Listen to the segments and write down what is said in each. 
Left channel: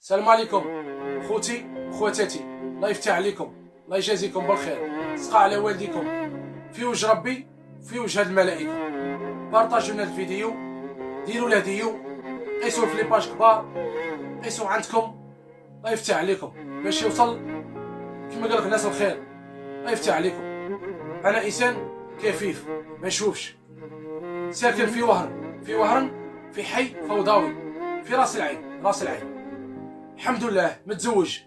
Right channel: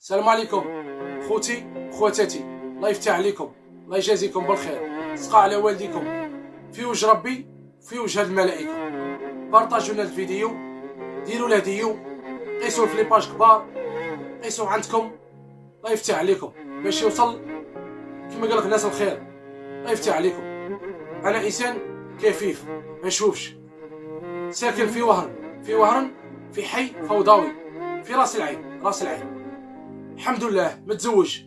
السلام عليكم خوتي خواتاتي، الله يفتح عليكم، الله يجازيكم بالخير. سقى على والديكم في وجه ربي، في وجه الملائكه. بارطاجيو لنا الفيديو، ديروا له ديو، قيسوه في لي باج كبار، قيسوه عندكم. الله يفتح عليكم باش يوصل كما قال لك الناس الخير. الله يفتح عليكم. انا انسان كفيف ما نشوفش، ساكن في وهرن، في حي فوضوي في راس العين، راس العين. الحمد لله متزوج،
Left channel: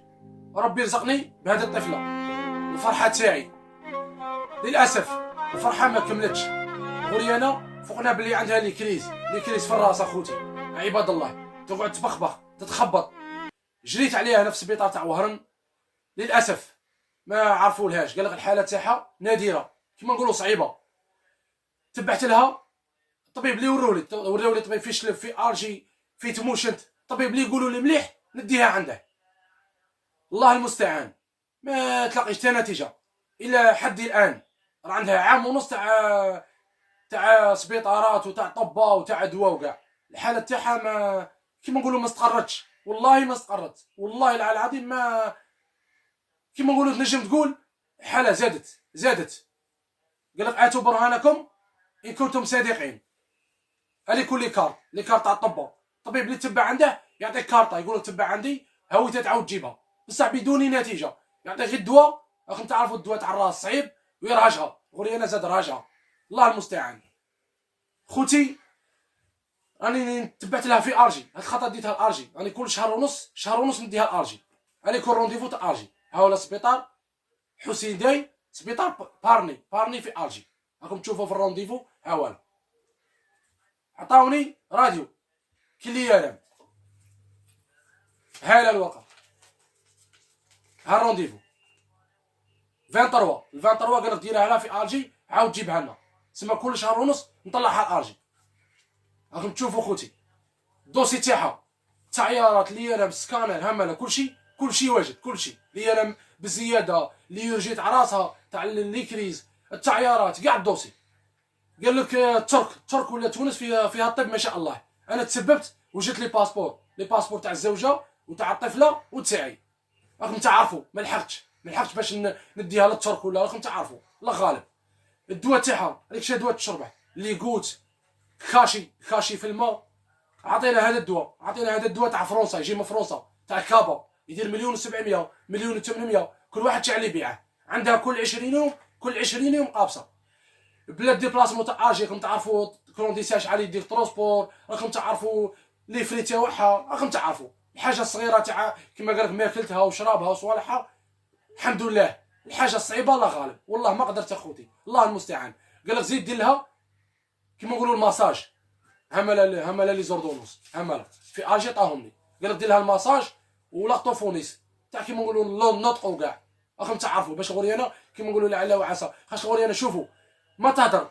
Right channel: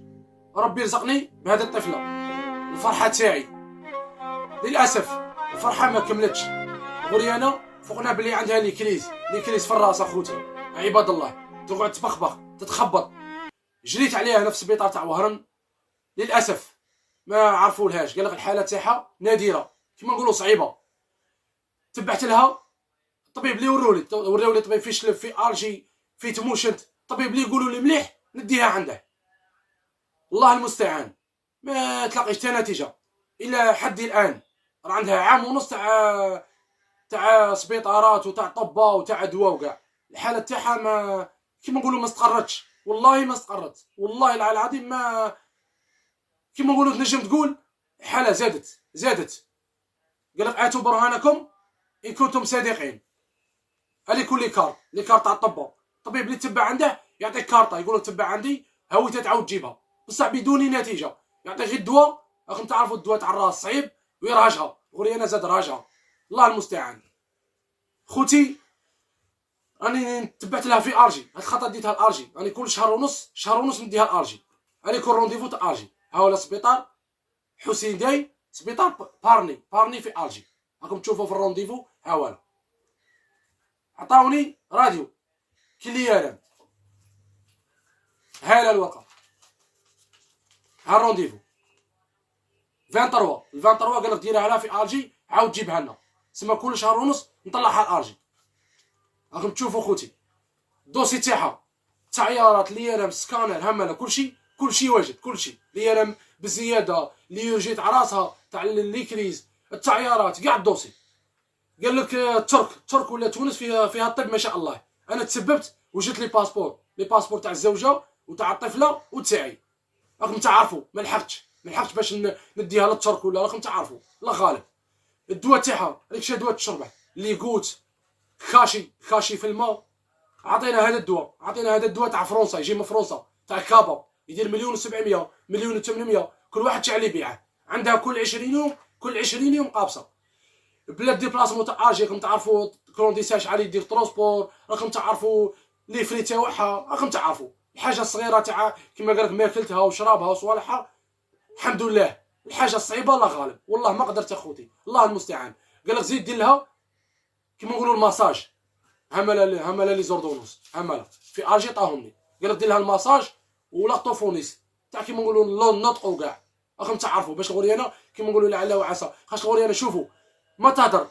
ربي رزقني بهذه الطفله. الفرحه تاعي للاسف الفرحه ما كملتش. غريانه فوقنا بلي عندها لي كريز في الراس. اخوتي عباد الله، تقعد تبخبخ تتخبط. جريت عليها هنا في السبيطار تاع وهرن، للاسف ما عرفولهاش. قال لك الحاله تاعها نادره، كما نقولوا صعيبه. تبعت لها الطبيب اللي وراولي طبيب في شلف، في الجي، في تموشنت. الطبيب اللي يقولوا لي مليح نديها عنده. الله المستعان، ما تلاقيش حتى نتيجه الى حد الان. راه عندها عام ونص تاع سبيطارات وتاع طبه وتاع دواء وكاع. الحاله تاعها ما كيما نقولوا ما استقرتش، والله ما استقرت، والله العظيم ما كيما نقولوا. تنجم تقول الحاله زادت. قال لك اتوا برهانكم ان كنتم صادقين. هذه كل لي كارت تاع الطبه. الطبيب اللي تبع عنده يعطيك كارطه، يقول لك تبع عندي هاوي تعاود تجيبها، بصح بدون نتيجه. يعطيك غير الدواء. راكم تعرفوا الدواء تاع الراس صعيب ويرهجها. غوري انا زاد راجها، الله المستعان. خوتي راني تبعت لها في ارجي، هاد الخطره ديتها الارجي. راني كل شهر ونص نديها الارجي. راني كل رونديفو تاع ارجي. ها هو السبيطار حسين داي، سبيطار بارني في ارجي. راكم تشوفوا في الرونديفو. ها هو عطاوني راديو كليارام، ها الورقه، ها الرونديفو 23 قال لك ديرها لها في ارجي، عاود جيبها لنا. تسمى كل شهر ونص نطلعها ارجي. راكم تشوفوا خوتي الدوسي تاعها، التعيارات، ليرام، سكانر، همله، كلشي واجد، كلشي ليرام بزياده، لي جيت على راسها تاع ليكريز، التعيارات كاع الدوسي. قال لك الترك ولا تونس فيها الطب ما شاء الله. انا تسببت وجدت لي باسبور تاع الزوجه وتاع الطفله وتاعي. راكم تعرفوا ما لحقتش باش نديها للترك ولا. راكم تعرفوا الله غالب. الدواء تاعها هذاك دواء تشربه اللي قوت خاشي في الماء. عطينا هذا الدواء تاع فرنسا، يجي من فرنسا تاع كابا، يدير 1,700,000 1,800,000 كل واحد تاع اللي يبيعه. عندها كل 20 يوم قابصه. بلا ديبلاسمون تاع اجي. راكم تعرفوا كرونديساج علي يدير ترونسبور. راكم تعرفوا لي فري تاعها. راكم تعرفوا الحاجه الصغيره تاع كما قالك ماكلتها وشرابها وصوالحها. الحمد لله. الحاجه الصعيبه الله غالب، والله ما قدرت اخوتي، الله المستعان. قال لك زيد دير لها كيما نقولوا الماساج. هملا لي زوردونوس، هملا في اجي طاهم لي. قال لك دير لها الماساج ولاطوفونيس تاع كيما نقولوا لون نطق وكاع. راكم تعرفوا باش غوريانا كيما نقولوا لعل وعسى. خاطر غوريانا شوفوا ما تهدر،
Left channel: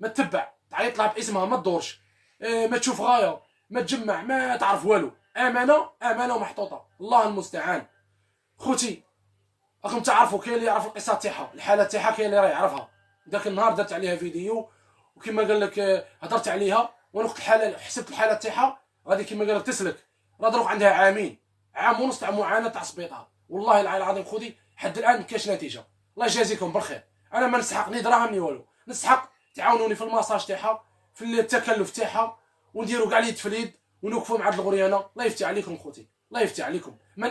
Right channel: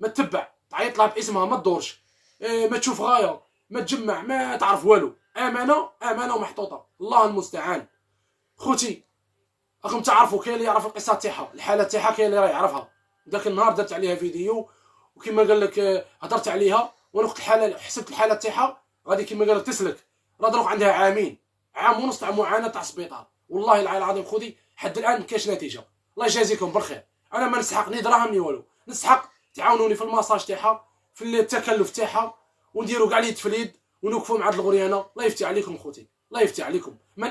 ما تتبع، تعيط لها باسمها، ما تدورش، ما تشوف غايه، ما تجمع، ما تعرف والو. امانه ومحطوطه، الله المستعان. خوتي راكم تعرفوا كاين اللي يعرف القصه تاعها، الحاله تاعها، كاين اللي راه يعرفها. ذاك النهار درت عليها فيديو وكما قال لك هضرت عليها وانا وقت الحاله حسبت الحاله تاعها غادي كما قال لك تسلك. راه دروك عندها عام ونص تاع معاناه تاع السبيطار. والله العظيم خوتي حد الان ما كاينش نتيجه. الله يجازيكم بالخير. انا ما نسحق ني دراهم ني والو، نسحق تعاونوني في الماساج تاعها، في التكلف تاعها، ونديروا كاع لي تفليد ونوقفوا مع الغريانه. الله يفتح عليكم خوتي، الله يفتح عليكم. من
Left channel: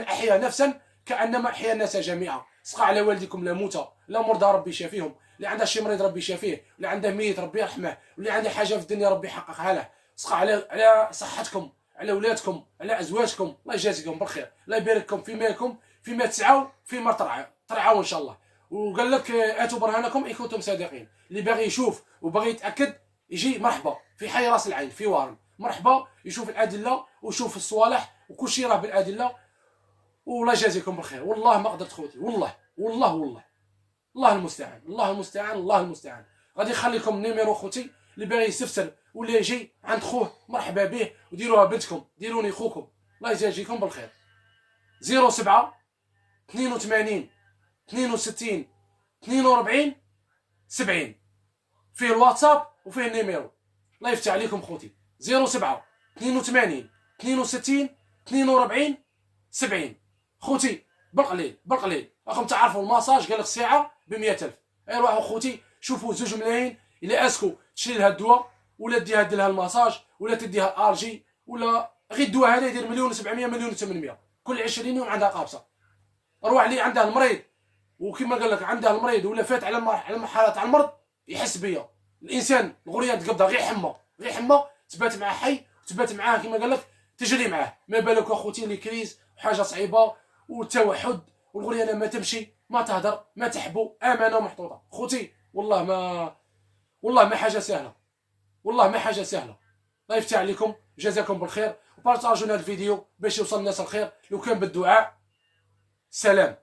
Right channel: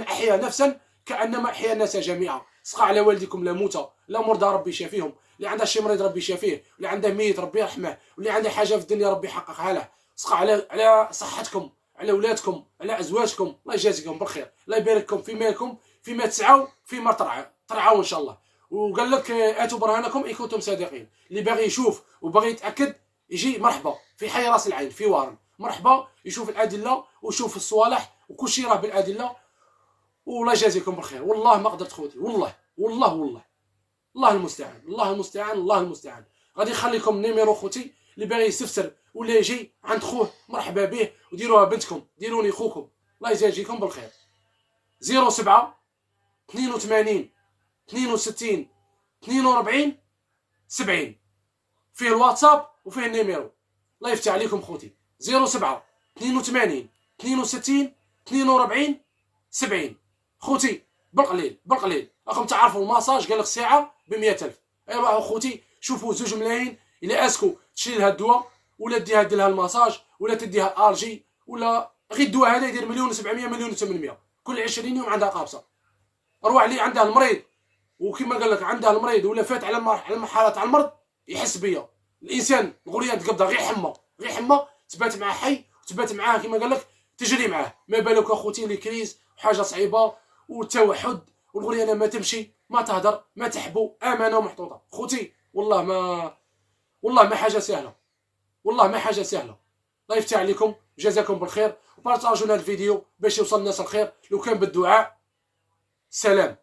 احيا نفسا كانما احيا الناس جميعا. سقى على والديكم لا موتى، لا مرضى ربي يشافيهم، اللي عنده شي مريض ربي يشافيه، واللي عنده ميت ربي يرحمه، واللي عنده حاجه في الدنيا ربي يحققها له. سقى على صحتكم، على اولادكم، على ازواجكم. الله يجازيكم بالخير، الله يبارككم في مالكم، فيما تسعوا، فيما ترعوا ان شاء الله. وقال لك اتوا برهانكم ان كنتم صادقين. اللي باغي يشوف وباغي يتاكد يجي مرحبا في حي راس العين في وهرن. مرحبا يشوف الادله ويشوف الصوالح وكل شيء راه بالادله. والله يجازيكم بالخير. والله ما قدرت خوتي، والله الله المستعان. غادي نخليكم نيميرو خوتي، اللي باغي يستفسر ولا يجي عند خوه مرحبا به، وديروها بنتكم، ديروني خوكم. الله يجازيكم بالخير. 07 82 62 42 70 فيه الواتساب وفيه النيميرو. الله يفتح عليكم خوتي. 07 82 62 42 70. خوتي بالقليل بالقليل راكم تعرفوا الماساج قال لك الساعه ب 100,000. ايوا خوتي شوفوا 2 ملايين الى اسكو تشري لها الدواء ولا ديها دير لها الماساج ولا تديها الجي ولا غير الدواء هذا يدير 1,700,000 1,800,000 كل 20 يوم عندها قابصه. اروح اللي عندها المريض وكما قال لك عندها المريض ولا فات على المرحله تاع المرض يحس بيا. الانسان الغريان تقبضها غير حمى غير حمى تبات معاه حي وتبات معاه كما قال لك تجري معاه. ما بالك اخوتي لي كريز وحاجه صعيبه والتوحد والغريانه ما تمشي ما تهدر ما تحبو امانه محطوطه. خوتي والله ما حاجه سهله والله ما حاجه سهله. الله يفتح عليكم جزاكم بالخير وبارطاجوا هذا الفيديو باش يوصل الناس الخير لو كان بالدعاء. سلام.